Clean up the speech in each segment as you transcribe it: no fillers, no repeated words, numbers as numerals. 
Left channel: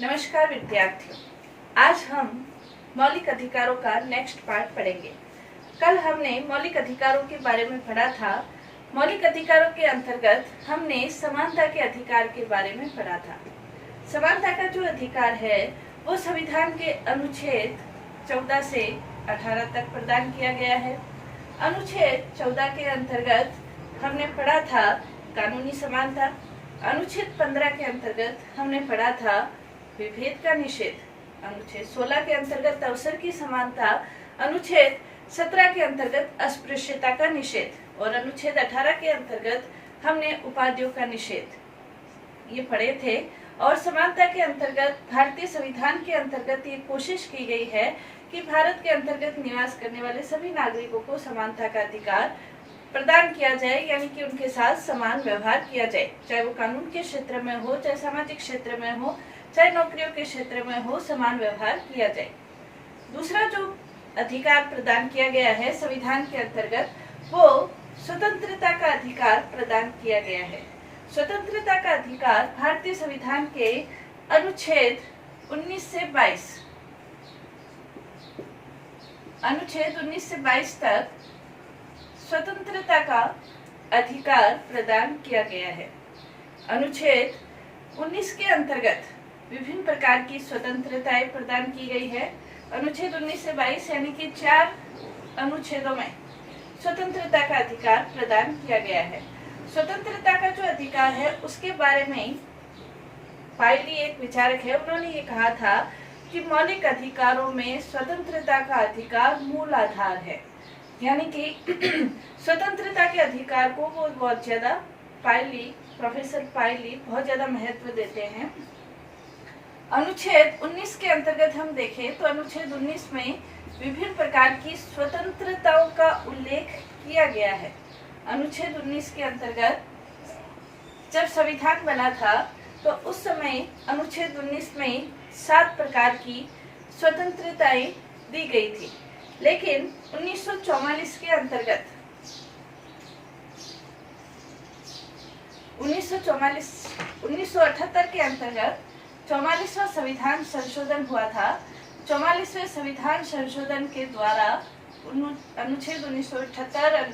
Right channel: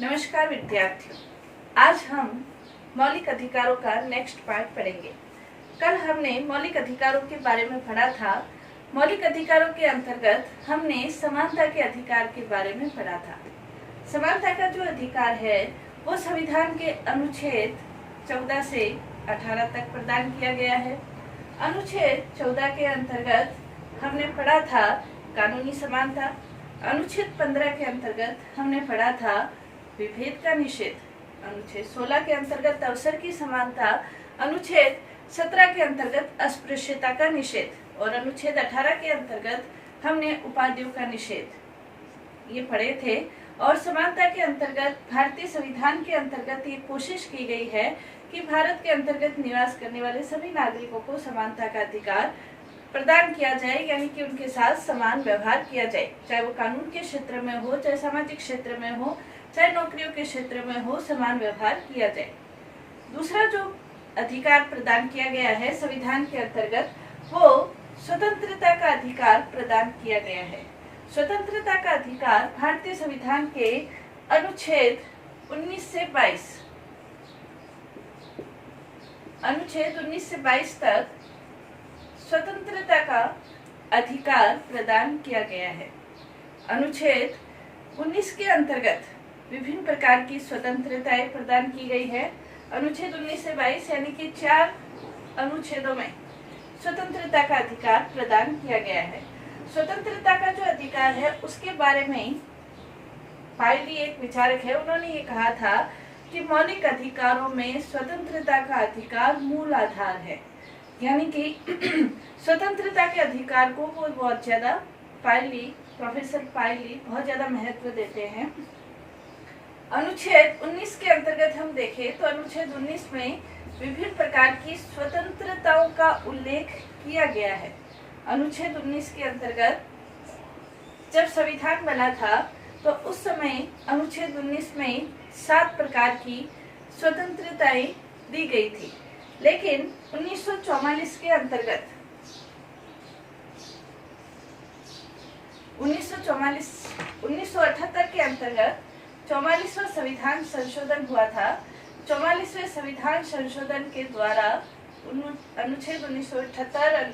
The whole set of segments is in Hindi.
नमस्कार विद्यार्थियों, आज हम मौलिक अधिकारों का नेक्स्ट पार्ट पढ़ेंगे। कल हमने मौलिक अधिकारों के बारे में पढ़ा था। मौलिक अधिकारों के अंतर्गत हमने समानता के अधिकार के बारे में पढ़ा था। समानता का जो अधिकार है वो संविधान के अनुच्छेद 14 से 18 तक प्रदान किया गया है। अनुच्छेद 14 के अंतर्गत हमने पढ़ा था कानूनी समानता। अनुच्छेद 15 के अंतर्गत हमने पढ़ा था विभेद का निषेध। अनुच्छेद 16 के अंतर्गत अवसर की समानता। अनुच्छेद 17 के अंतर्गत अस्पृश्यता का निषेध और अनुच्छेद 18 के अंतर्गत हमने उपाधियों का निषेध ये पढ़े थे। और समानता के अंतर्गत भारतीय संविधान के अंतर्गत ये कोशिश की गई है कि भारत के अंतर्गत निवास करने वाले सभी नागरिकों को समानता का अधिकार प्रदान किया जाए, यानी कि उनके साथ समान व्यवहार किया जाए, चाहे वो कानून के क्षेत्र में हो, चाहे सामाजिक क्षेत्र में हो, चाहे नौकरियों के क्षेत्र में हो, समान व्यवहार किया जाए। दूसरा जो अधिकार प्रदान किया गया है संविधान के अंतर्गत वो स्वतंत्रता का अधिकार प्रदान किया गया है। स्वतंत्रता का अधिकार भारतीय संविधान के अनुच्छेद 19 से 22 तक स्वतंत्रता का अधिकार प्रदान किया गया है। अनुच्छेद 19 के अंतर्गत विभिन्न प्रकार की स्वतंत्रताएं प्रदान की गई है। अनुच्छेद 19 से 22 यानी कि 4 अनुच्छेदों में स्वतंत्रता का अधिकार प्रदान किया गया है। स्वतंत्रता का जो अधिकार है उसके बारे में पायली एक विचारक है, उन्होंने ये कहा था कि मौलिक अधिकारों में स्वतंत्रता का अधिकार मूल आधार है, यानी कि स्वतंत्रता के अधिकार को वो बहुत ज्यादा प्रोफेसर पायली बहुत ज्यादा महत्व देते हैं। अनुच्छेद 19 के अंतर्गत हम देखें तो अनुच्छेद 19 में विभिन्न प्रकार की स्वतंत्रताओं का उल्लेख किया गया है। अनुच्छेद 19 के अंतर्गत जब संविधान बना था तो उस समय अनुच्छेद 19 में 7 प्रकार की स्वतंत्रताएं दी गई थी, लेकिन 1974 के अंतर्गत 1978 के अंतर्गत 44वां संविधान संशोधन हुआ था। 44वें संविधान संशोधन के द्वारा अनुच्छेद 1978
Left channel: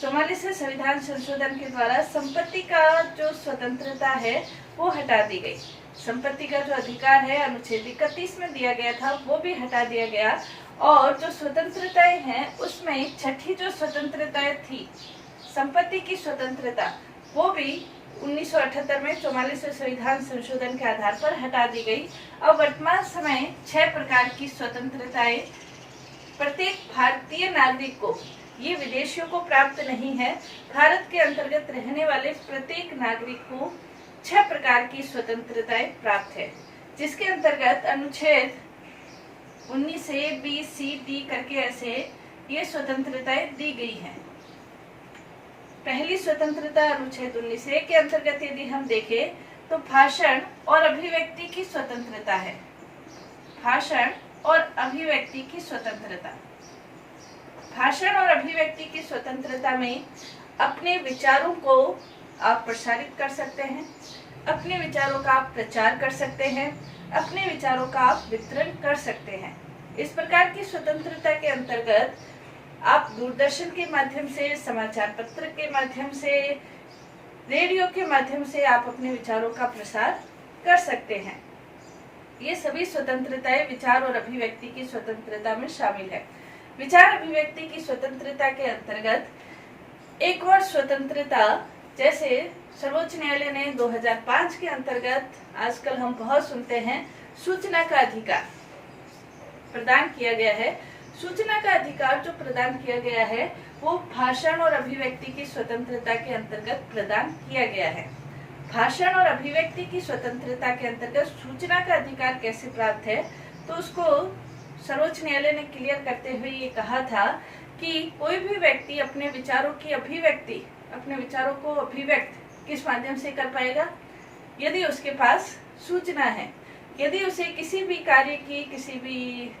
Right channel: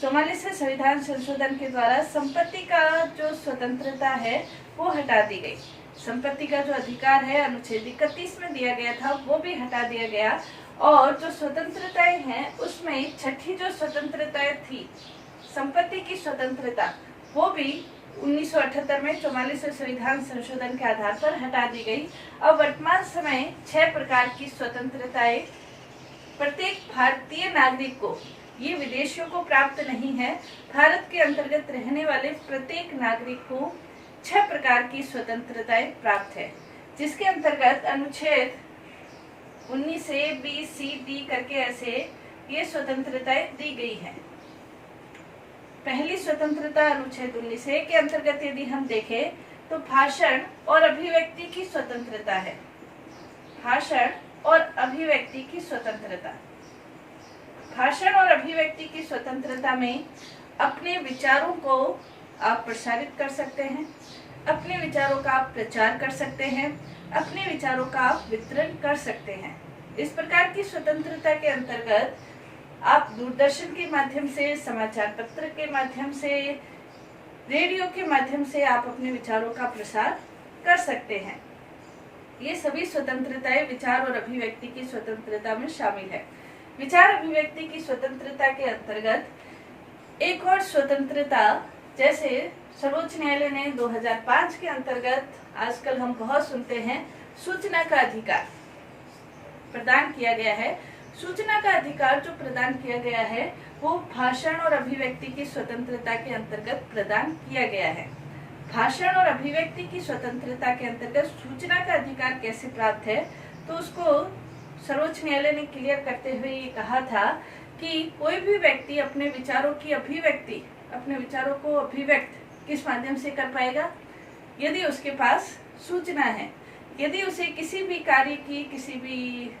44वें संविधान संशोधन के द्वारा संपत्ति का जो स्वतंत्रता है वो हटा दी गई। संपत्ति का जो अधिकार है अनुच्छेद 31 में दिया गया था वो भी हटा दिया गया और जो स्वतंत्रताएं हैं उसमें छठी जो स्वतंत्रताएं थी संपत्ति की स्वतंत्रता वो भी 1978 में 44वें संविधान संशोधन के आधार पर हटा दी गई। अब वर्तमान समय 6 प्रकार की स्वतंत्रताएं प्रत्येक भारतीय नागरिक को, ये विदेशियों को प्राप्त नहीं है, भारत के अंतर्गत रहने वाले प्रत्येक नागरिक को 6 प्रकार की स्वतंत्रताएं प्राप्त है, जिसके अंतर्गत अनुच्छेद 19 से बी सी डी करके ऐसे ये स्वतंत्रताएं दी गई हैं। पहली स्वतंत्रता अनुच्छेद 19 के अंतर्गत यदि हम देखें तो भाषण और अभिव्यक्ति की स्वतंत्रता है। भाषण और अभिव्यक्ति की स्वतंत्रता। भाषण और अभिव्यक्ति की स्वतंत्रता में अपने विचारों को आप प्रसारित कर सकते हैं, अपने विचारों का आप प्रचार कर सकते हैं, अपने विचारों का आप वितरण कर सकते हैं। इस प्रकार की स्वतंत्रता के अंतर्गत आप दूरदर्शन के माध्यम से, समाचार पत्र के माध्यम से, रेडियो के माध्यम से आप अपने विचारों का प्रसार कर सकते हैं। ये सभी स्वतंत्रताएं विचार और अभिव्यक्ति की स्वतंत्रता में शामिल है। विचार अभिव्यक्ति की स्वतंत्रता के अंतर्गत एक और स्वतंत्रता, जैसे सर्वोच्च न्यायालय ने 2005 के अंतर्गत आजकल हम बहुत सुनते हैं सूचना का अधिकार प्रदान किया गया है। सूचना का अधिकार जो प्रदान किया गया है वो भाषण और अभिव्यक्ति की स्वतंत्रता के अंतर्गत प्रदान किया गया है। भाषण और अभिव्यक्ति की स्वतंत्रता के अंतर्गत सूचना का अधिकार कैसे प्राप्त है तो उसको सर्वोच्च न्यायालय ने क्लियर करते हुए ये कहा था कि कोई भी व्यक्ति अपने विचारों की अभिव्यक्ति, अपने विचारों को अभिव्यक्त किस माध्यम से कर पाएगा, यदि उसके पास सूचना है। यदि उसे किसी भी कार्य की, किसी भी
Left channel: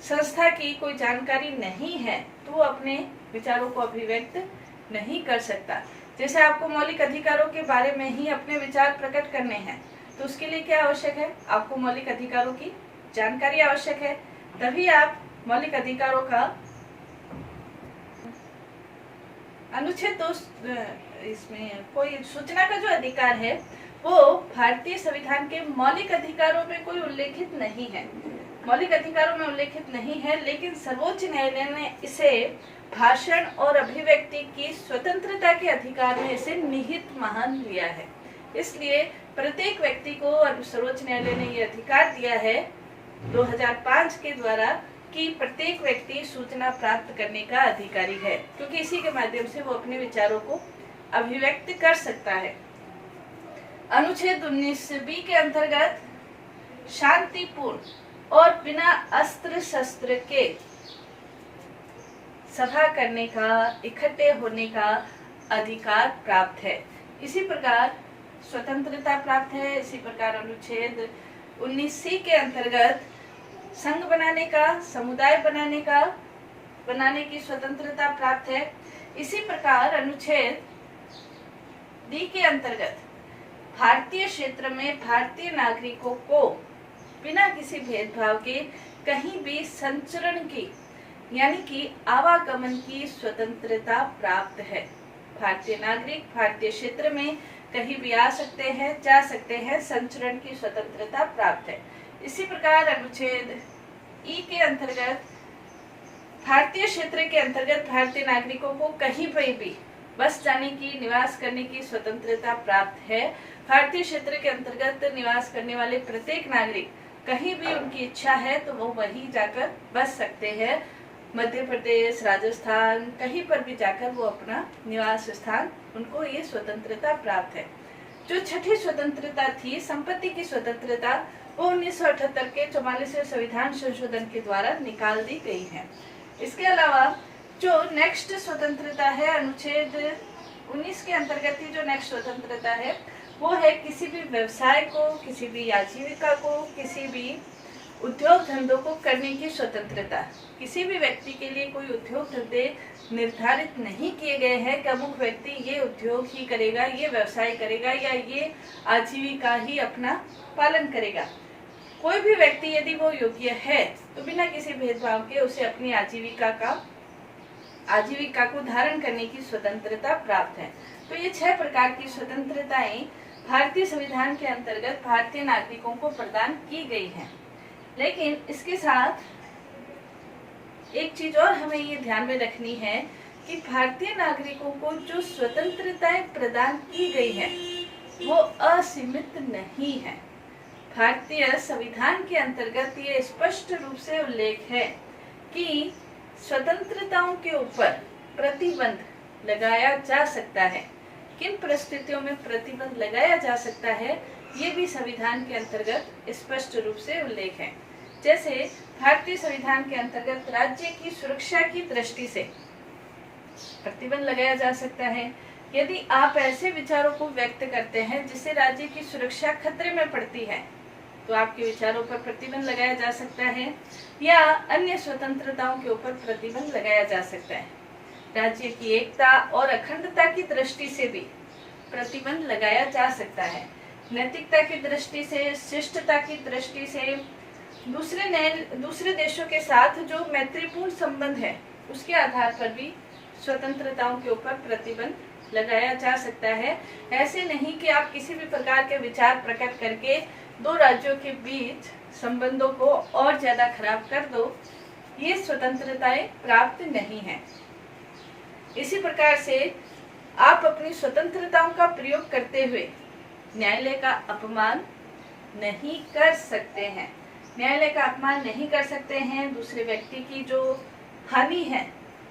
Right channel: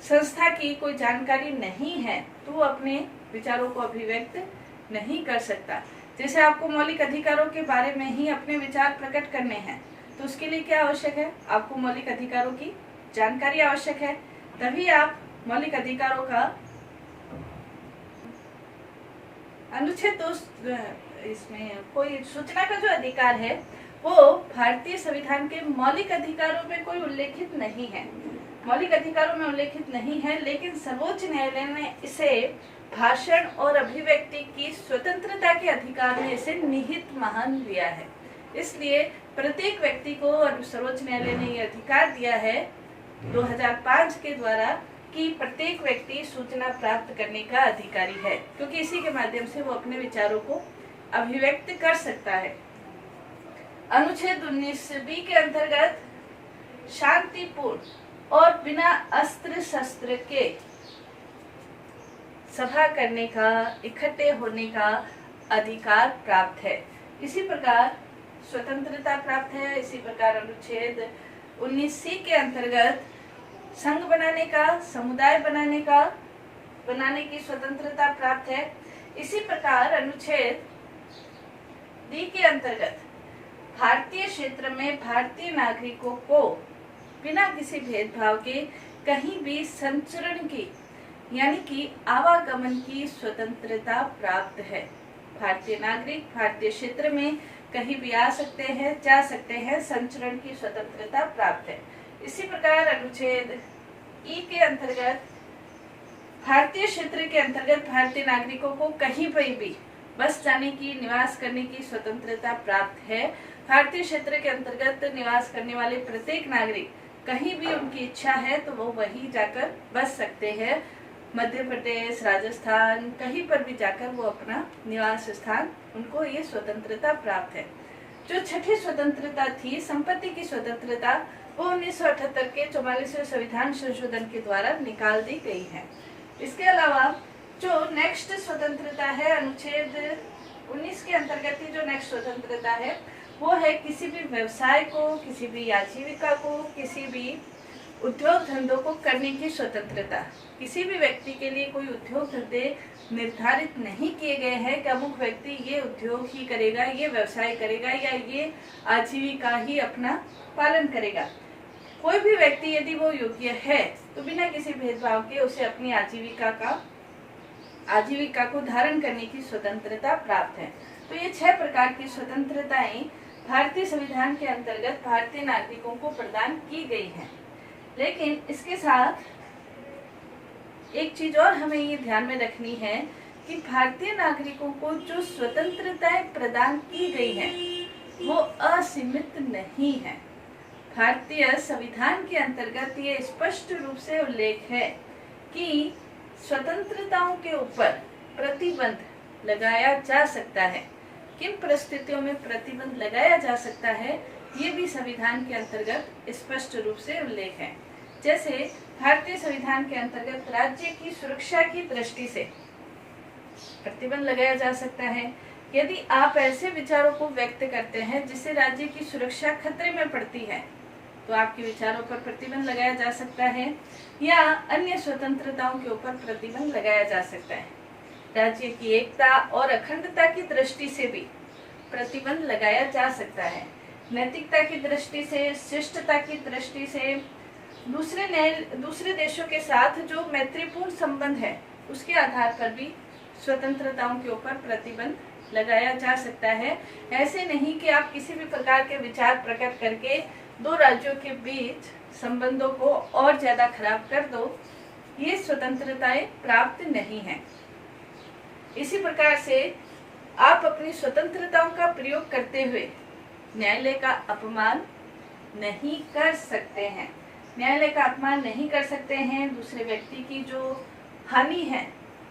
संस्था की कोई जानकारी नहीं है तो वो अपने विचारों को अभिव्यक्त नहीं कर सकता। जैसे आपको मौलिक अधिकारों के बारे में ही अपने विचार प्रकट करने हैं तो उसके लिए क्या आवश्यक है? आपको मौलिक अधिकारों की जानकारी आवश्यक है, तभी आप मौलिक अधिकारों का अनुच्छेद 2 इसमें कोई सूचना का जो अधिकार है वो भारतीय संविधान के मौलिक अधिकारों में कोई उल्लेखित नहीं है, मौलिक अधिकारों में उल्लेखित नहीं है, लेकिन सर्वोच्च न्यायालय ने इसे भाषण और अभिव्यक्ति की स्वतंत्रता के अधिकार में इसे निहित मान लिया है। इसलिए प्रत्येक व्यक्ति को सर्वोच्च न्यायालय ने यह अधिकार दिया है 2005 के द्वारा कि प्रत्येक व्यक्ति सूचना प्राप्त करने का अधिकारी है, क्योंकि इसी के माध्यम से वो अपने विचारों को अभिव्यक्त कर सकता है। अनुच्छेद 19B के अंतर्गत शांतिपूर्ण और बिना अस्त्र शस्त्र के सभा करने का, इकट्ठे होने का अधिकार प्राप्त है। इसी प्रकार स्वतंत्रता प्राप्त है। इसी प्रकार अनुच्छेद 19C के अंतर्गत संघ बनाने का, समुदाय बनाने की स्वतंत्रता प्राप्त है। इसी प्रकार अनुच्छेद D के अंतर्गत भारतीय क्षेत्र में भारतीय नागरिकों को बिना किसी भेदभाव के कहीं भी संचरण की यानी कि आवागमन की स्वतंत्रता प्राप्त है। भारतीय नागरिक भारतीय क्षेत्र में कहीं भी आ सकते हैं, जा सकते हैं, संचरण की स्वतंत्रता प्राप्त है। इसी प्रकार अनुच्छेद ई के अंतर्गत भारतीय क्षेत्र के अंतर्गत भारतीय नागरिकों को कहीं पर भी बस जाने की, निवास करने की स्वतंत्रता प्राप्त है। भारतीय क्षेत्र के अंतर्गत निवास करने वाले प्रत्येक नागरिक कहीं भी उनकी इच्छा है तो वो वहीं जाकर बस सकते हैं। मध्य प्रदेश, राजस्थान, कहीं पर भी जाकर वो अपना निवास स्थान, उनको ये स्वतंत्रता प्राप्त है। जो छठी स्वतंत्रता थी, संपत्ति की स्वतंत्रता, वो 1978 के 44वें संविधान संशोधन के द्वारा निकाल दी गई है। इसके अलावा जो नेक्स्ट स्वतंत्रता है, अनुच्छेद 19 के अंतर्गत ही जो नेक्स्ट स्वतंत्रता है वो है किसी भी व्यवसाय को, किसी भी आजीविका को, किसी भी उद्योग धंधों को करने की स्वतंत्रता। किसी भी व्यक्ति के लिए कोई उद्योग धंधे निर्धारित नहीं किए गए हैं कि अमुक व्यक्ति ये उद्योग ही करेगा, ये व्यवसाय करेगा या ये आजीविका ही अपना पालन करेगा। कोई भी व्यक्ति यदि वो योग्य है तो बिना किसी भेदभाव के उसे अपनी आजीविका को धारण करने की स्वतंत्रता प्राप्त है। तो ये 6 प्रकार की स्वतंत्रताएं भारतीय संविधान के अंतर्गत भारतीय नागरिकों को प्रदान की गई हैं। लेकिन इसके साथ एक चीज और हमें ये ध्यान में रखनी है कि भारतीय नागरिकों को जो स्वतंत्रताएं प्रदान की गई है वो असीमित नहीं है। भारतीय संविधान के अंतर्गत ये स्पष्ट रूप से उल्लेख है कि स्वतंत्रताओं के ऊपर प्रतिबंध लगाया जा सकता है। किन परिस्थितियों में प्रतिबंध लगाया जा सकता है ये भी संविधान के अंतर्गत स्पष्ट रूप से उल्लेख है। जैसे भारतीय संविधान के अंतर्गत राज्य की सुरक्षा की दृष्टि से प्रतिबंध लगाया जा सकता है। यदि आप ऐसे विचारों को व्यक्त करते हैं जिससे राज्य की सुरक्षा खतरे में पड़ती है तो आपके विचारों पर प्रतिबंध लगाया जा सकता है, या अन्य स्वतंत्रताओं के ऊपर प्रतिबंध लगाया जा सकता है। राज्य की एकता और अखंडता की दृष्टि से भी प्रतिबंध लगाया जा सकता है। नैतिकता की दृष्टि से, शिष्टता की दृष्टि से, दूसरे देशों के साथ जो मैत्रीपूर्ण संबंध है उसके आधार पर भी स्वतंत्रताओं के ऊपर प्रतिबंध लगाया जा सकता है। ऐसे नहीं कि आप किसी भी प्रकार के विचार प्रकट करके दो राज्यों के बीच संबंधों को और ज्यादा खराब कर दो, ये स्वतंत्रताएं प्राप्त नहीं है। इसी प्रकार से आप अपनी स्वतंत्रताओं का प्रयोग करते हुए न्यायालय का अपमान नहीं कर सकते हैं। न्यायालय का अपमान नहीं कर सकते हैं। दूसरे व्यक्ति की जो हानि है,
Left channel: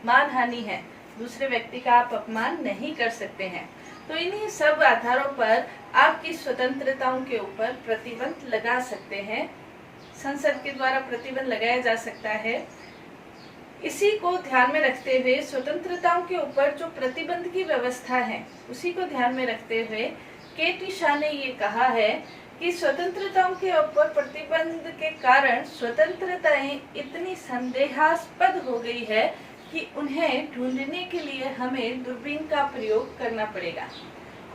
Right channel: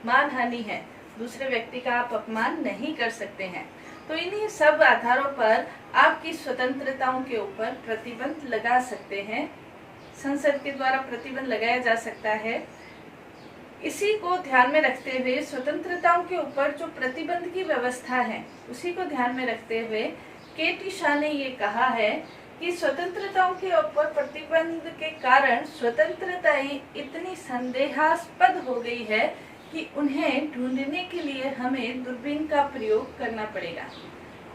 मान हानि है, दूसरे व्यक्ति का आप अपमान नहीं कर सकते हैं। तो इन्हीं सब आधारों पर आपकी स्वतंत्रताओं के ऊपर प्रतिबंध लगा सकते हैं। संसद के द्वारा प्रतिबंध लगाया जा सकता है। इसी को ध्यान में रखते हुए स्वतंत्रताओं के ऊपर जो प्रतिबंध की व्यवस्था है उसी को ध्यान में रखते हुए के.पी. शाह ने ये कहा है कि स्वतंत्रताओं के ऊपर प्रतिबंध के कारण स्वतंत्रताएं इतनी संदेहास्पद हो गई है कि उन्हें ढूंढने के लिए हमें दूरबीन का प्रयोग करना पड़ेगा।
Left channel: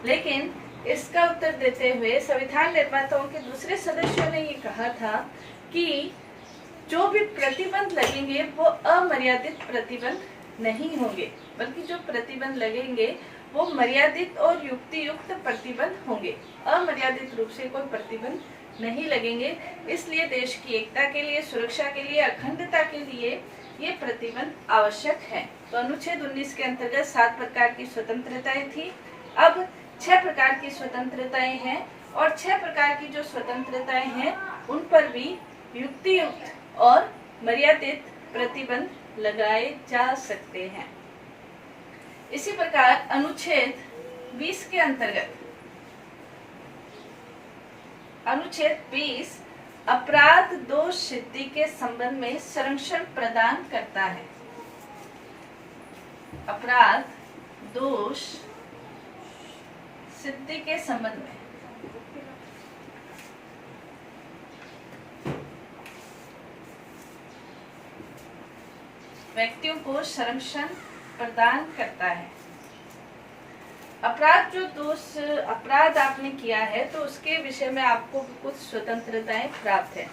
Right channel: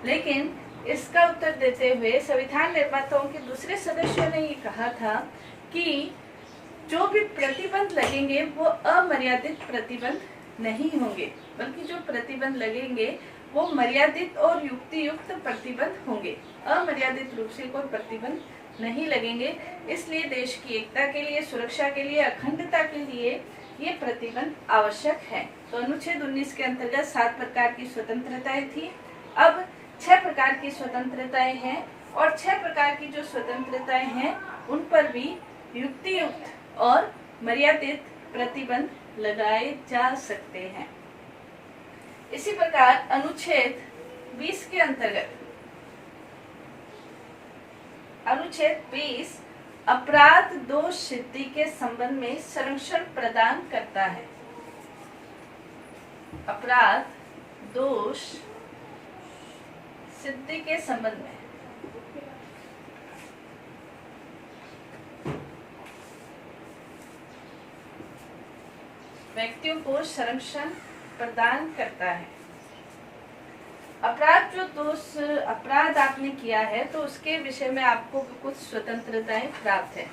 लेकिन इसका उत्तर देते हुए संविधान निर्माताओं के दूसरे सदस्यों ने ये कहा था कि जो भी प्रतिबंध लगेंगे वो अमर्यादित प्रतिबंध नहीं होंगे, बल्कि जो प्रतिबंध लगेंगे वो मर्यादित और युक्तियुक्त प्रतिबंध होंगे। अमर्यादित रूप से कोई प्रतिबंध नहीं लगेंगे। इसलिए देश की एकता के लिए, सुरक्षा के लिए, अखंडता के लिए ये प्रतिबंध आवश्यक है। तो अनुच्छेद 19 के अंतर्गत 7 प्रकार की स्वतंत्रताएं थी। अब 6 प्रकार की स्वतंत्रताएं हैं और 6 प्रकार की जो स्वतंत्रताएं हैं उन पर भी युक्तियुक्त और मर्यादित प्रतिबंध लगाए जा सकते हैं। इसी प्रकार अनुच्छेद 20 के अंतर्गत अनुच्छेद 20 अपराध दोष सिद्धि के संबंध में संरक्षण प्रदान करता है। अपराध दोष सिद्धि के संबंध में व्यक्तियों को संरक्षण प्रदान करता है। अपराध आपने किया है तो उसके विषय में आपको कुछ स्वतंत्रताएं प्राप्त है।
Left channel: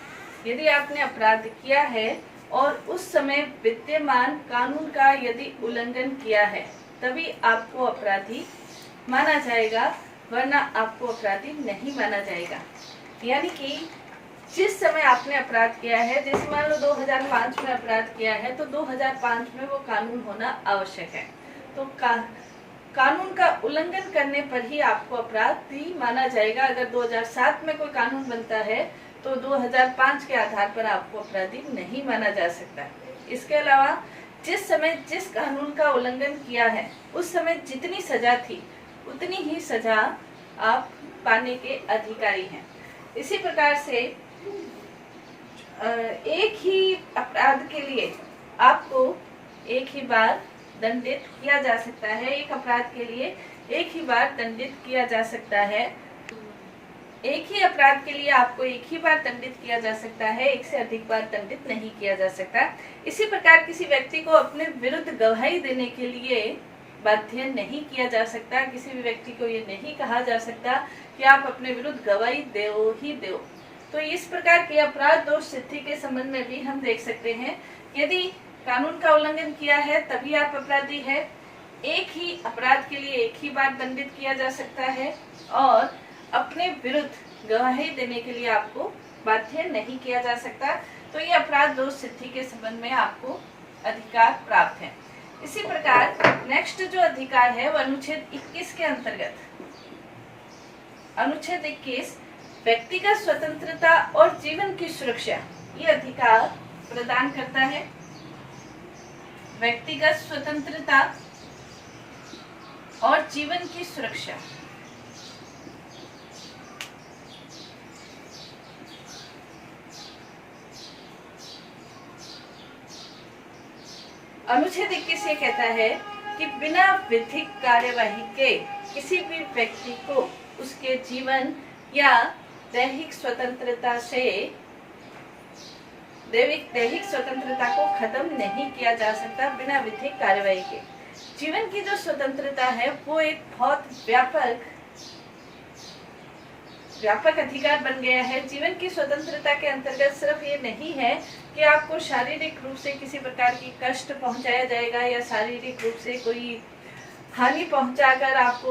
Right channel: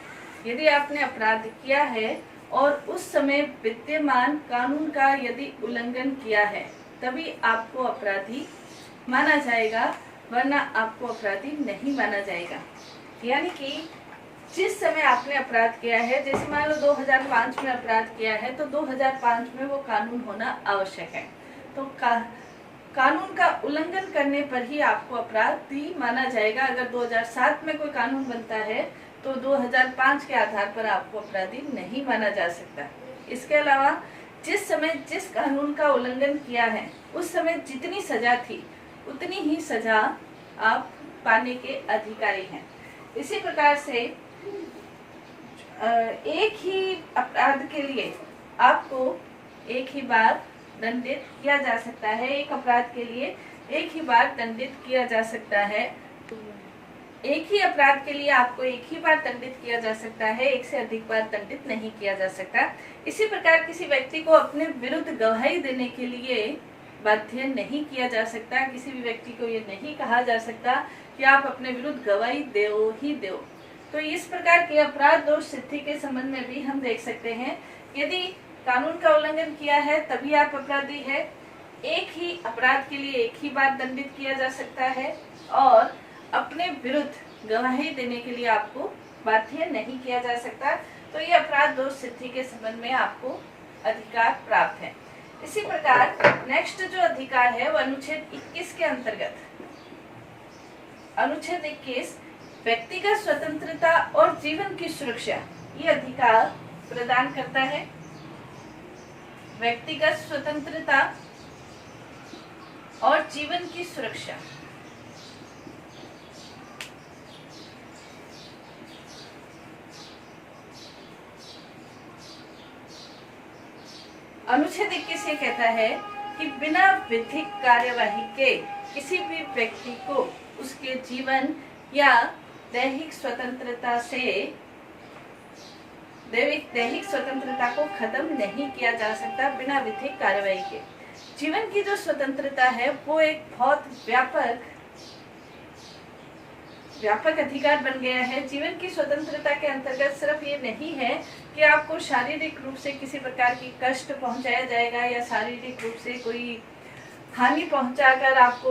यदि आपने अपराध किया है और उस समय विद्यमान कानून का यदि उल्लंघन किया है तभी आपको अपराधी माना जाएगा, वरना आपको अपराधी नहीं माना जाएगा। यानी कि जिस समय आपने अपराध किया है, जैसे मान लो 2005 में अपराध किया है तो 2005 में वो कानून होना आवश्यक है। तो कानून का उल्लंघन करने पर ही आपको अपराधी माना जाएगा। अगर 2007 में कोई कानून बनता है तो 2005 के आधार पर आपको अपराधी नहीं माना जा सकता। इसके अलावा जिस समय जिस कानून का उल्लंघन किया है उस समय जितनी सजा थी उतनी ही सजा आप पाने के अधिकारी हैं। इसी प्रकार से एक ही अपराध के लिए आपको एक ही बार दंडित किया जा सकता है। एक अपराध के लिए एक ही बार दंडित किया जा सकता है। एक ही अपराध के लिए आपको एक ही बार दंडित किया जा सकता है, एक से अधिक बार दंडित नहीं किया जा सकता। इसी प्रकार किसी व्यक्ति को अपने विरुद्ध गवाही देने के लिए बाध्य नहीं किया जा सकता। किसी भी व्यक्ति को ये नहीं कहा जा सकता कि आप अपने विरुद्ध गवाही दो ही दो। तो इस प्रकार के अपराध दोष सिद्धि के संबंध में भी हम देख सकते हैं, यदि कानून का उल्लंघन किया है तभी आप अपराधी है। एक ही अपराध के लिए एक ही बार दंडित किया जा सकता है और अपने विरुद्ध गवाही देने के लिए आपको बाध्य नहीं किया जा सकता। तो ये अपराध दोष सिद्धि के संबंध में आपको अधिकार प्राप्त है। इसी प्रकार नेक्स्ट जो अधिकार है वो अनुच्छेद 21 के अंतर्गत अनुच्छेद 21 व्यक्तिगत स्वतंत्रता और जीवन की सुरक्षा ये अधिकार प्रदान करता है। व्यक्तिगत स्वतंत्रता और जीवन की सुरक्षा अनुच्छेद 21 ये कहता है कि बिना विधिक कार्यवाही के किसी भी व्यक्ति को उसके जीवन या दैहिक स्वतंत्रता को खत्म नहीं किया जा सकता बिना विधिक कार्यवाही के। जीवन की जो स्वतंत्रता है वो एक बहुत व्यापक अधिकार बन गया है। जीवन की स्वतंत्रता के अंतर्गत सिर्फ ये नहीं है कि आपको शारीरिक रूप से किसी प्रकार की कष्ट पहुंचाया जाएगा या शारीरिक रूप से कोई हानि पहुंचाकर आपको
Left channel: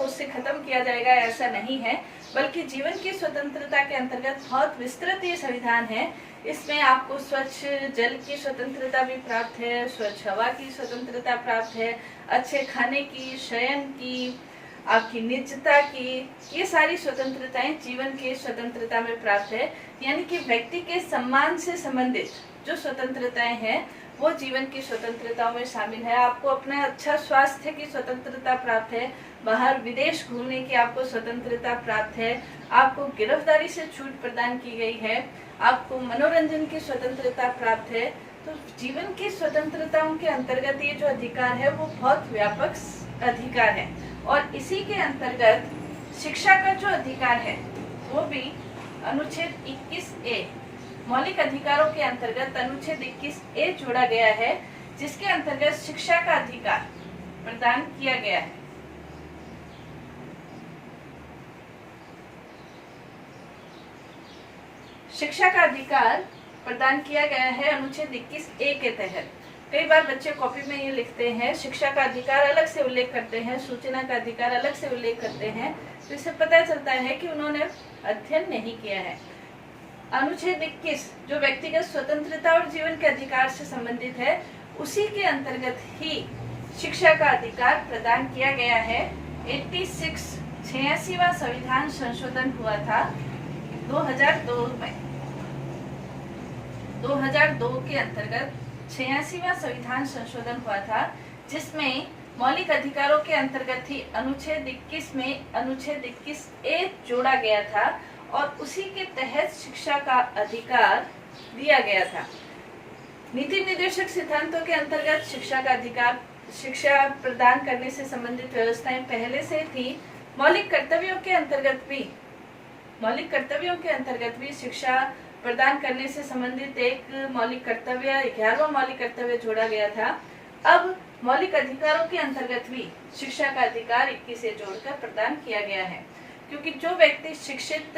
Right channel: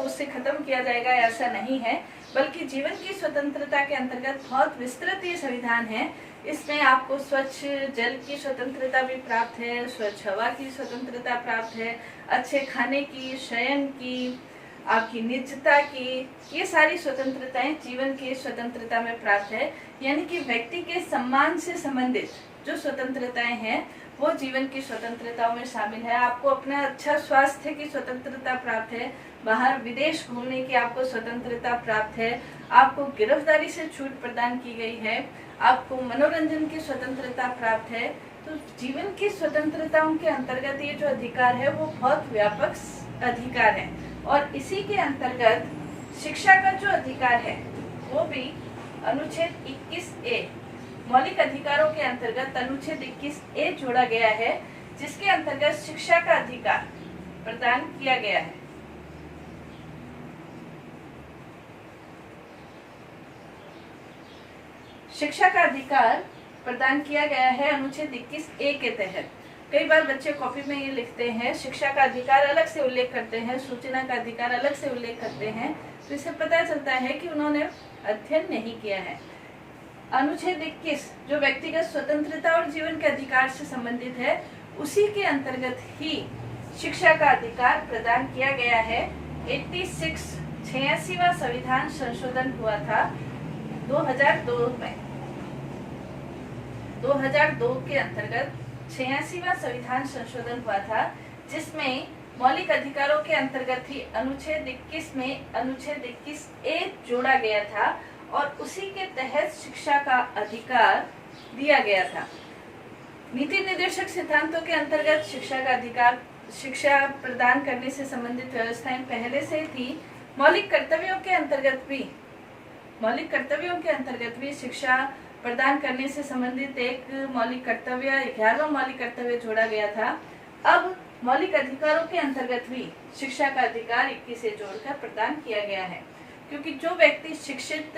उससे खत्म किया जाएगा, ऐसा नहीं है। बल्कि जीवन की स्वतंत्रता के अंतर्गत बहुत विस्तृत ये संविधान है। इसमें आपको स्वच्छ जल की स्वतंत्रता भी प्राप्त है, स्वच्छ हवा की स्वतंत्रता प्राप्त है, अच्छे खाने की, शयन की, आपकी निजता की, ये सारी स्वतंत्रताएं जीवन की स्वतंत्रता में प्राप्त है। यानी कि व्यक्ति के सम्मान से संबंधित जो स्वतंत्रताएं हैं वो जीवन की स्वतंत्रताओं में शामिल है। आपको अपना अच्छा स्वास्थ्य की स्वतंत्रता प्राप्त है, बाहर विदेश घूमने की आपको स्वतंत्रता प्राप्त है, आपको गिरफ्तारी से छूट प्रदान की गई है, आपको मनोरंजन की स्वतंत्रता प्राप्त है। तो जीवन की स्वतंत्रताओं के अंतर्गत ये जो अधिकार है वो बहुत व्यापक अधिकार है। और इसी के अंतर्गत शिक्षा का जो अधिकार है वो भी अनुच्छेद 21A मौलिक अधिकारों के अंतर्गत अनुच्छेद 21A जोड़ा गया है, जिसके अंतर्गत शिक्षा का अधिकार प्रदान किया गया है। शिक्षा का अधिकार प्रदान किया गया है अनुच्छेद 21A के तहत। कई बार बच्चे कॉपी में ये लिखते हैं, शिक्षा का अधिकार अलग से उल्लेख करते हैं, सूचना का अधिकार अलग से उल्लेख करते हैं, तो इससे पता चलता है कि उन्होंने अध्ययन नहीं किया है। अनुच्छेद 21 जो व्यक्तिगत स्वतंत्रता और जीवन के अधिकार से संबंधित है, उसी के अंतर्गत ही शिक्षा का अधिकार प्रदान किया गया है। 86वां संविधान संशोधन हुआ था 2002 में। 2002 के अंतर्गत 86वां संविधान संशोधन हुआ था, जिसमें मौलिक अधिकारों के अंतर्गत ही अनुच्छेद 21 में अनुच्छेद 21A जोड़ा गया था और उसी के तहत शिक्षा का अधिकार दिया गया था। नीति निर्देशक सिद्धांतों के अंतर्गत शिक्षा का अधिकार, शिक्षा प्रदान करने से संबंधित व्यवस्थाएं पहले से थी। मौलिक कर्तव्यों के अंतर्गत भी शिक्षा प्रदान करने से संबंधित एक मौलिक कर्तव्य, 11वां मौलिक कर्तव्य जोड़ा गया था। अब मौलिक अधिकारों के अंतर्गत भी शिक्षा का अधिकार 21 से जोड़कर प्रदान किया गया है, क्योंकि जो व्यक्ति शिक्षित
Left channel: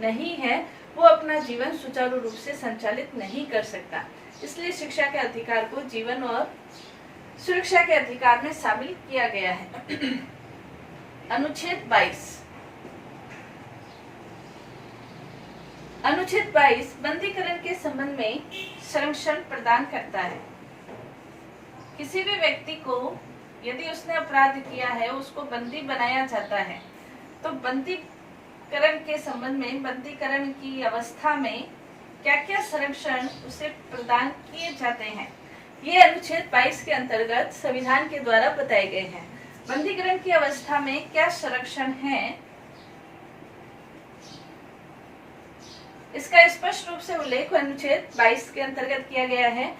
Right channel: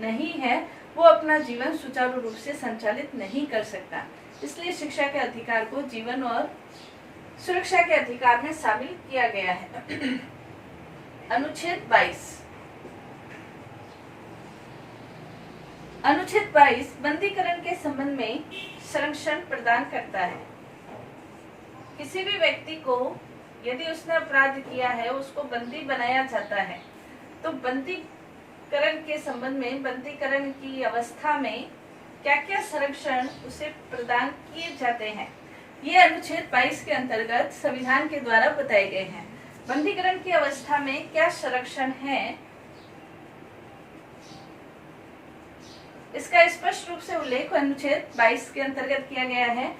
नहीं है वो अपना जीवन सुचारू रूप से संचालित नहीं कर सकता। इसलिए शिक्षा के अधिकार को जीवन और सुरक्षा के अधिकार में शामिल किया गया है। अनुच्छेद 22 बंदीकरण के संबंध में संरक्षण प्रदान करता है। किसी भी व्यक्ति को यदि उसने अपराध किया है, उसको बंदी बनाया जाता है, तो बंदीकरण के संबंध में, बंदीकरण की अवस्था में क्या क्या संरक्षण उसे प्रदान किए जाते हैं, ये अनुच्छेद 22 के अंतर्गत संविधान के द्वारा बताए गए हैं। बंदीकरण की अवस्था में क्या संरक्षण है, इसका स्पष्ट रूप से उल्लेख अनुच्छेद 22 के अंतर्गत किया गया है।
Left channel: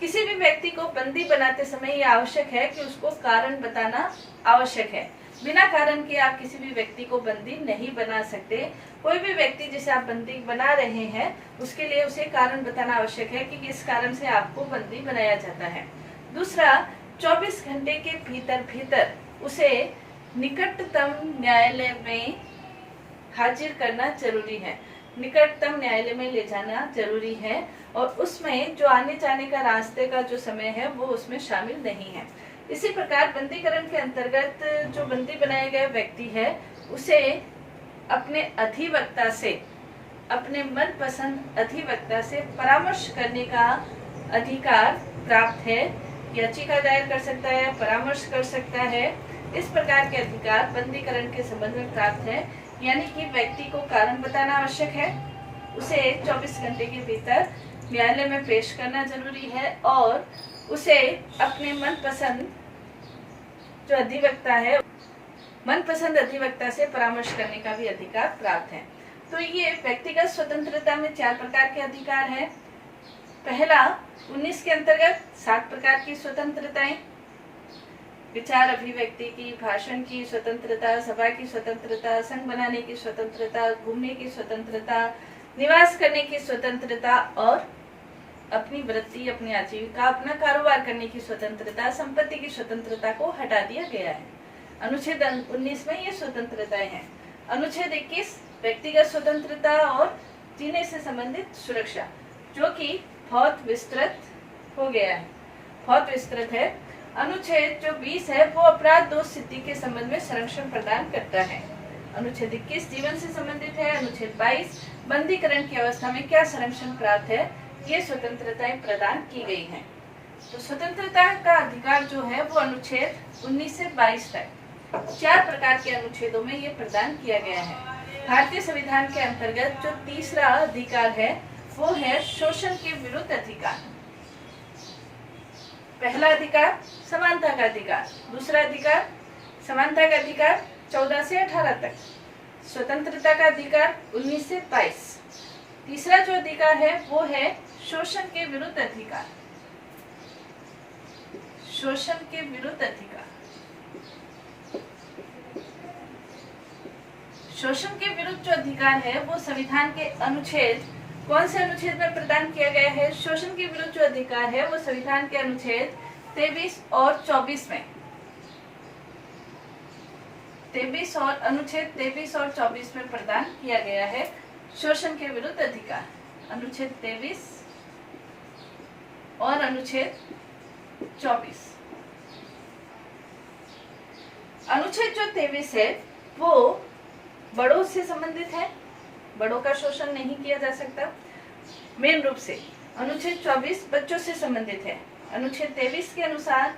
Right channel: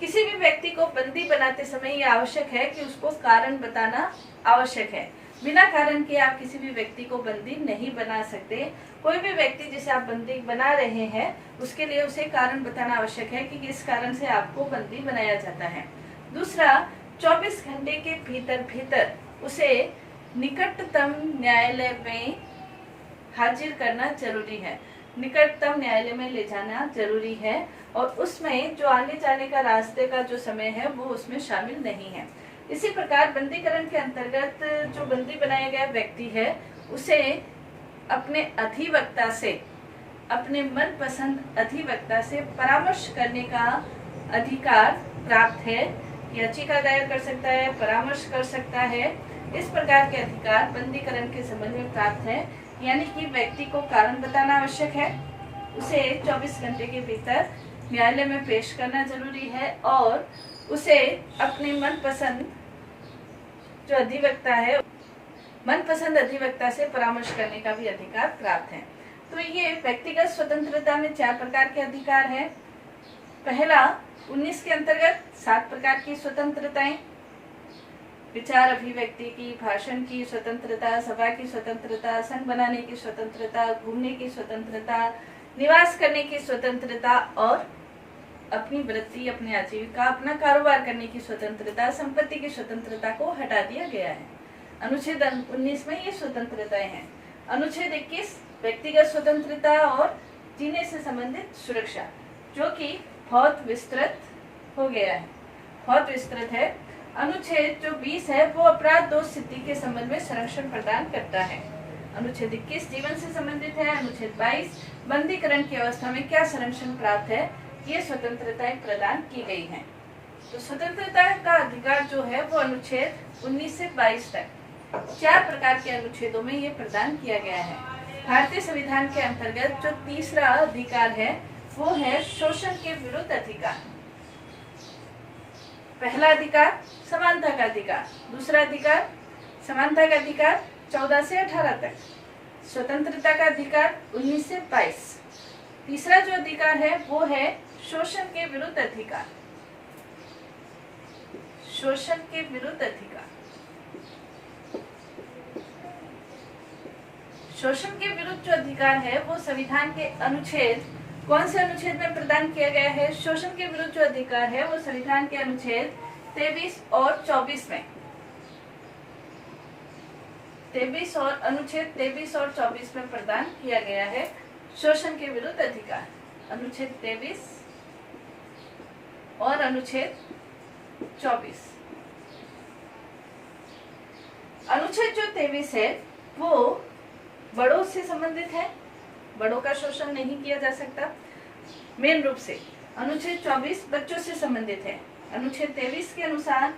किसी भी व्यक्ति को बंदी बनाते समय यह आवश्यक है कि उसको कारण बताना आवश्यक है। बिना कारण के आप किसी भी व्यक्ति को बंदी नहीं बना सकते। कोई भी व्यक्ति जिसे आप बंदी बना रहे हैं, उसके लिए उसे कारण बताना आवश्यक है कि किस कारण से आपको बंदी बनाया जाता है। दूसरा, 24 घंटे के भीतर उसे निकटतम न्यायालय में हाजिर करना जरूरी है, निकटतम न्यायालय में ले जाना जरूरी है, और उसमें जो आने जाने का रास्ते का जो समय है वो उसमें शामिल नहीं है। इसी प्रकार बंदीकरण के अंतर्गत जो बंदी बनाया गया व्यक्ति है, उसे अपने अधिवक्ता से, अपने मनपसंद अधिवक्ता से परामर्श करने का अधिकार प्राप्त है। याचिका दायर कर सकता है, परामर्श कर सकता है। इस प्रकार के अधिकार बंदीकरण के संबंध में प्राप्त है। यानी कि व्यक्ति को कारण बताना आवश्यक है, उसे 24 घंटे के भीतर न्यायालय में पेश करना जरूरी है, और उसे अपने मनपसंद जो अधिवक्ता है, मनपसंद अधिवक्ता से परामर्श करने का भी अधिकार प्राप्त है। तो ये व्यक्तिगत स्वतंत्रता में 4 प्रकार के अधिकार है। पहला, 19 के अंतर्गत 7 प्रकार की स्वतंत्रताएं: विचार अभिव्यक्ति की, भाषण की स्वतंत्रता, सभा की स्वतंत्रता, संघ बनाने की स्वतंत्रता, घूमने की स्वतंत्रता, निवास करने की स्वतंत्रता, और अपनी वृत्ति, अपनी आजीविका, अपना कारोबार करने की स्वतंत्रता, संपत्ति की स्वतंत्रता को हटा दिया गया है। अनुच्छेद 19 में ये स्वतंत्रताएं हैं। अनुच्छेद 21 व्यक्तिगत स्वतंत्रता और जीने से संबंधित सुरक्षा, जो कि बहुत विस्तृत हो गया है, बहुत विस्तृत है। अनुच्छेद जो 20 है वो अपराध दोष स्थिति के संबंध में संरक्षण प्रदान करता है। अनुच्छेद 21 जीवन से संबंधित है। अनुच्छेद 22 बंदीकरण की अवस्था में क्या संरक्षण प्राप्त है, ये स्वतंत्रताएं प्रदान की गई हैं। तो स्वतंत्रता का अधिकार जो है वो अनुच्छेद 19 से 22 तक 4 प्रकार के अनुच्छेदों में ये प्रदान किया गया है। भारतीय संविधान के अंतर्गत जो तीसरा अधिकार है वो है शोषण के विरुद्ध अधिकार। पहला अधिकार समानता का अधिकार, दूसरा अधिकार समानता का अधिकार 14 से 18 तक, स्वतंत्रता का अधिकार 19 से 22। तीसरा जो अधिकार है वो है शोषण के विरुद्ध अधिकार, शोषण के विरुद्ध अधिकार। शोषण के विरुद्ध जो अधिकार है वो संविधान के अनुच्छेद, कौन से अनुच्छेद में प्रदान किया गया है? शोषण के विरुद्ध जो अधिकार है वो संविधान के अनुच्छेद 23 और 24 में, 23 और अनुच्छेद 23 और 24 में प्रदान किया गया है। शोषण के विरुद्ध अधिकार, अनुच्छेद 23 और अनुच्छेद 24। अनुच्छेद जो 23 है वो बड़ों से संबंधित है, बड़ों का शोषण नहीं किया जा सकता मेन रूप से। अनुच्छेद 24 बच्चों से संबंधित है। अनुच्छेद 23 के अनुसार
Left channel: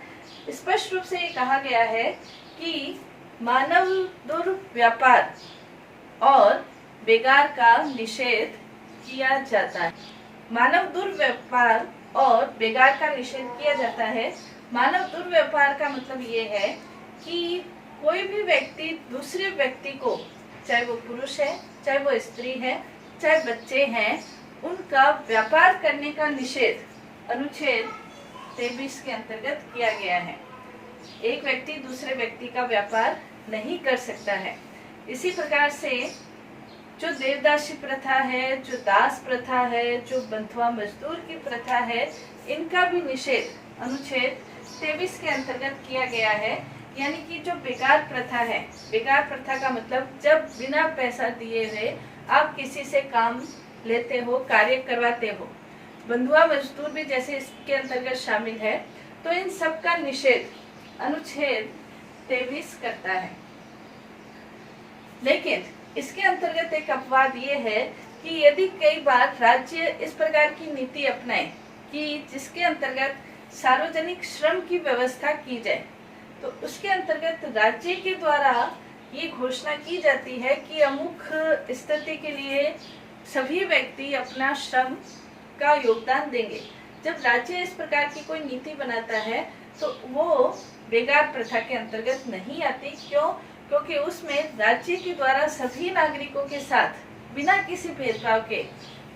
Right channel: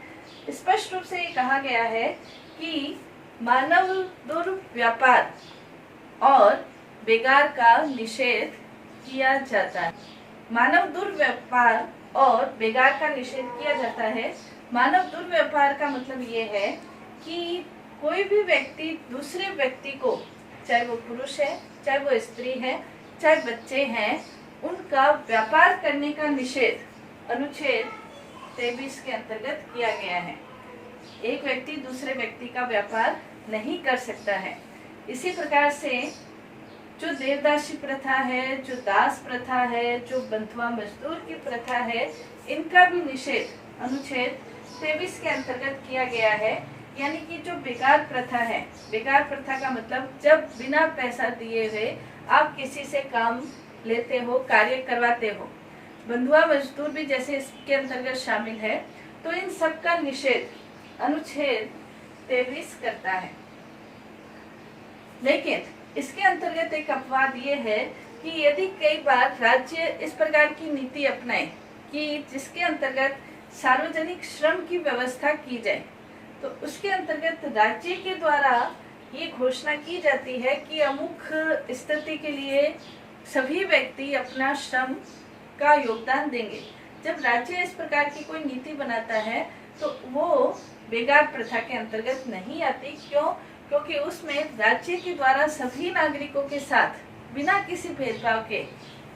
स्पष्ट रूप से ये कहा गया है कि मानव दुर्व्यापार और बेगार का निषेध किया जाता है। मानव दुर्व्यापार और बेगार का निषेध किया जाता है। मानव दुर्व्यापार का मतलब ये है कि कोई भी व्यक्ति दूसरे व्यक्ति को, चाहे वो पुरुष है, चाहे वो स्त्री है, चाहे बच्चे हैं, उनका व्यापार करने का निषेध अनुच्छेद 23 के अंतर्गत किया गया है। एक व्यक्ति दूसरे व्यक्ति का व्यापार नहीं कर सकता है। इसी प्रकार से जो देवदासी प्रथा है, जो दास प्रथा है, जो बंधुआ मजदूर की प्रथा है, इनका भी निषेध अनुच्छेद 23 के अंतर्गत किया गया है। यानी कि जो बेकार प्रथा है, बेकार प्रथा का मतलब जब बिना पैसा दिए हुए आप किसी से काम लेते हो, कार्य करवाते हो, बंधुआ मजदूर भी जैसे इसके अंतर्गत शामिल है, तो इन सब का निषेध अनुच्छेद 23 करता है। लेकिन इसके अंतर्गत एक अपवाद ये है कि यदि कई बार राज्य इस प्रकार की नीति अपनाए कि जिसके अंतर्गत सार्वजनिक श्रम की व्यवस्था की जाए, तो उसके अंतर्गत राज्य के द्वारा ये घोषणा की जाती है कि अमुक स्थिति के लिए सभी व्यक्ति अपना श्रम का योगदान देंगे। जब राज्य इस प्रकार की कोई नीति बनाता है तो वो बेगार प्रथा के अंतर्गत नहीं आती। क्यों? क्योंकि उसमें राज्य के द्वारा सभी नागरिकों के साथ बिना किसी भेदभाव के,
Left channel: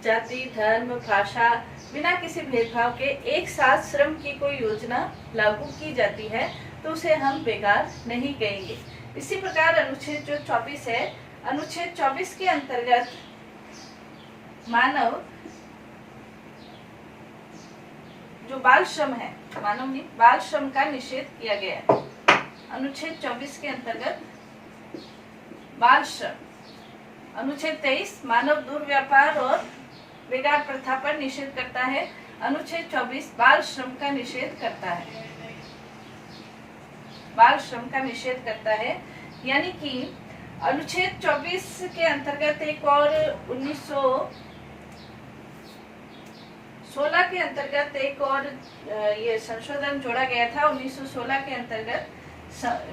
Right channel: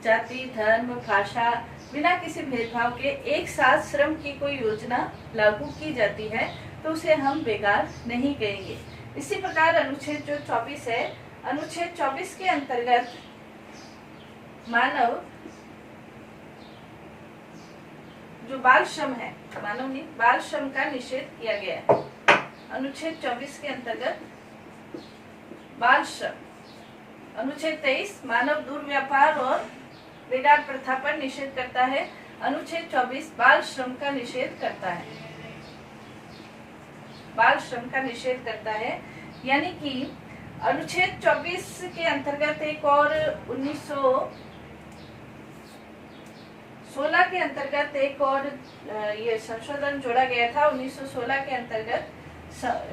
जाति, धर्म, भाषा, बिना किसी भेदभाव के एक साथ श्रम की कोई योजना लागू की जाती है, तो उसे हम बेगार नहीं कहेंगे। इसी प्रकार अनुच्छेद जो 24 है, अनुच्छेद 24 के अंतर्गत मानव जो बाल श्रम है, मानव नहीं बाल श्रम का निषेध किया गया है। अनुच्छेद 24 के अंतर्गत बाल श्रम। अनुच्छेद 23 मानव दुर्व्यापार और बेगार प्रथा पर निषेध करता है। अनुच्छेद 24 बाल श्रम का निषेध करता है, बाल श्रम का निषेध करता है। यानी कि अनुच्छेद 24 के अंतर्गत एक और 1916 के अंतर्गत एक और ये संशोधन जोड़ा गया था। 1916 के अंतर्गत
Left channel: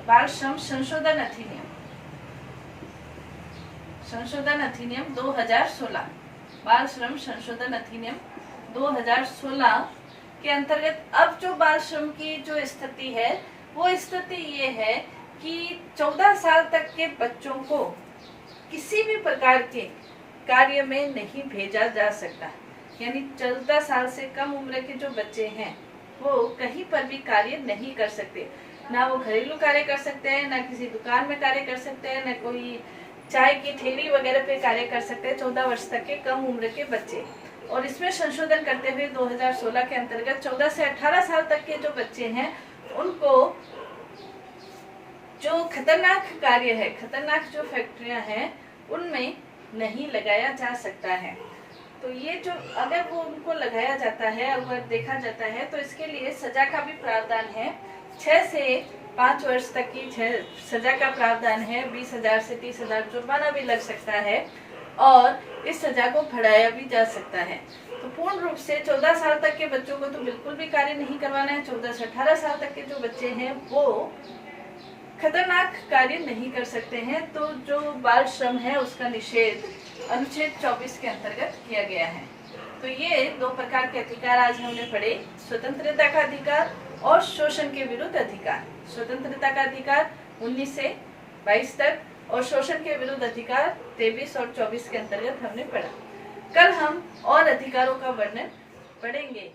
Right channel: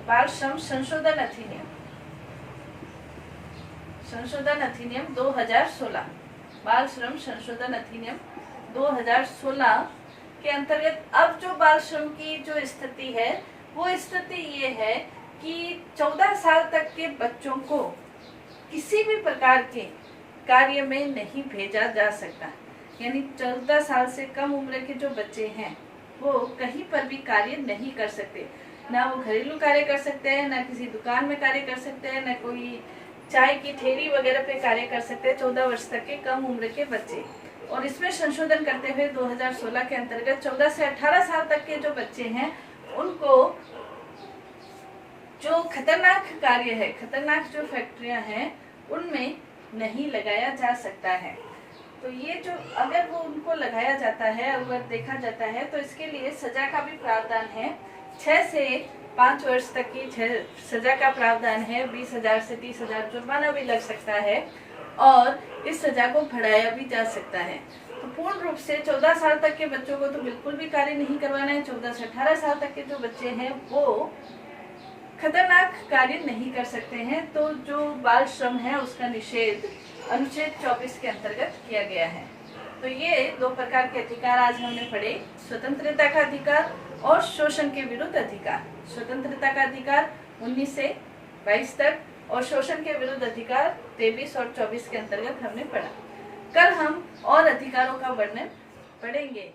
बाल श्रम संशोधन अधिनियम 2016, बाल श्रम संशोधन अधिनियम 2016 के अंतर्गत अब जो बाल श्रम की जो स्थिति है, वो स्थिति ये है कि 14 साल तक के बच्चों को किसी भी प्रकार के कार्य में नहीं भेजा जा सकता। यानी 14 साल से कम उम्र के जो बच्चे हैं वो कहीं पर भी कार्य नहीं कर सकते। ना वो घरेलू कार्य कर सकते हैं, ना किसी दुकान में कार्य कर सकते हैं, ना कोई चाय की ठेली वगैरह पे कार्य कर सकते हैं 14 वर्ष तक के कम उम्र के बच्चे। और इसमें संशोधन करते हुए 2016 के अंतर्गत 14 से 18 साल तक के जो बच्चे हैं उनको जो खतरनाक कार्य है, खतरनाक जो फैक्ट्रियां हैं, उनमें नहीं लगाया जा सकता है। तो ये जो अगर वो उनको लगाया जाता है, अगर देखा जाता है, तो इसके लिए सजा का भी प्रावधान है। 6 से 5 वर्ष तक की सजा का प्रावधान है। 20,000 से 30,000 जुर्माना भी लग सकता है और इस सजा को बढ़ाया भी जा सकता है। तो पूर्ण रूप से 14 साल तक के बच्चों को तो बिल्कुल भी कार्य नहीं करवाना है। 14 से 18 साल तक के जो बच्चे हैं वो खतरनाक कार्य नहीं कर सकते हैं। तो जो बाल श्रम है उसका निषेध अनुच्छेद 24 के अंतर्गत किया गया है। तो ये 2 प्रकार के अधिकार आज हमने पढ़े, स्वतंत्रता का अधिकार और शोषण के विरुद्ध अधिकार। स्वतंत्रता का अधिकार 19 से 22 तक और शोषण के विरुद्ध अधिकार 23 और 24 के अंतर्गत हमने पढ़ा। कल हम और अधिकारों का वर्णन पढ़ेंगे।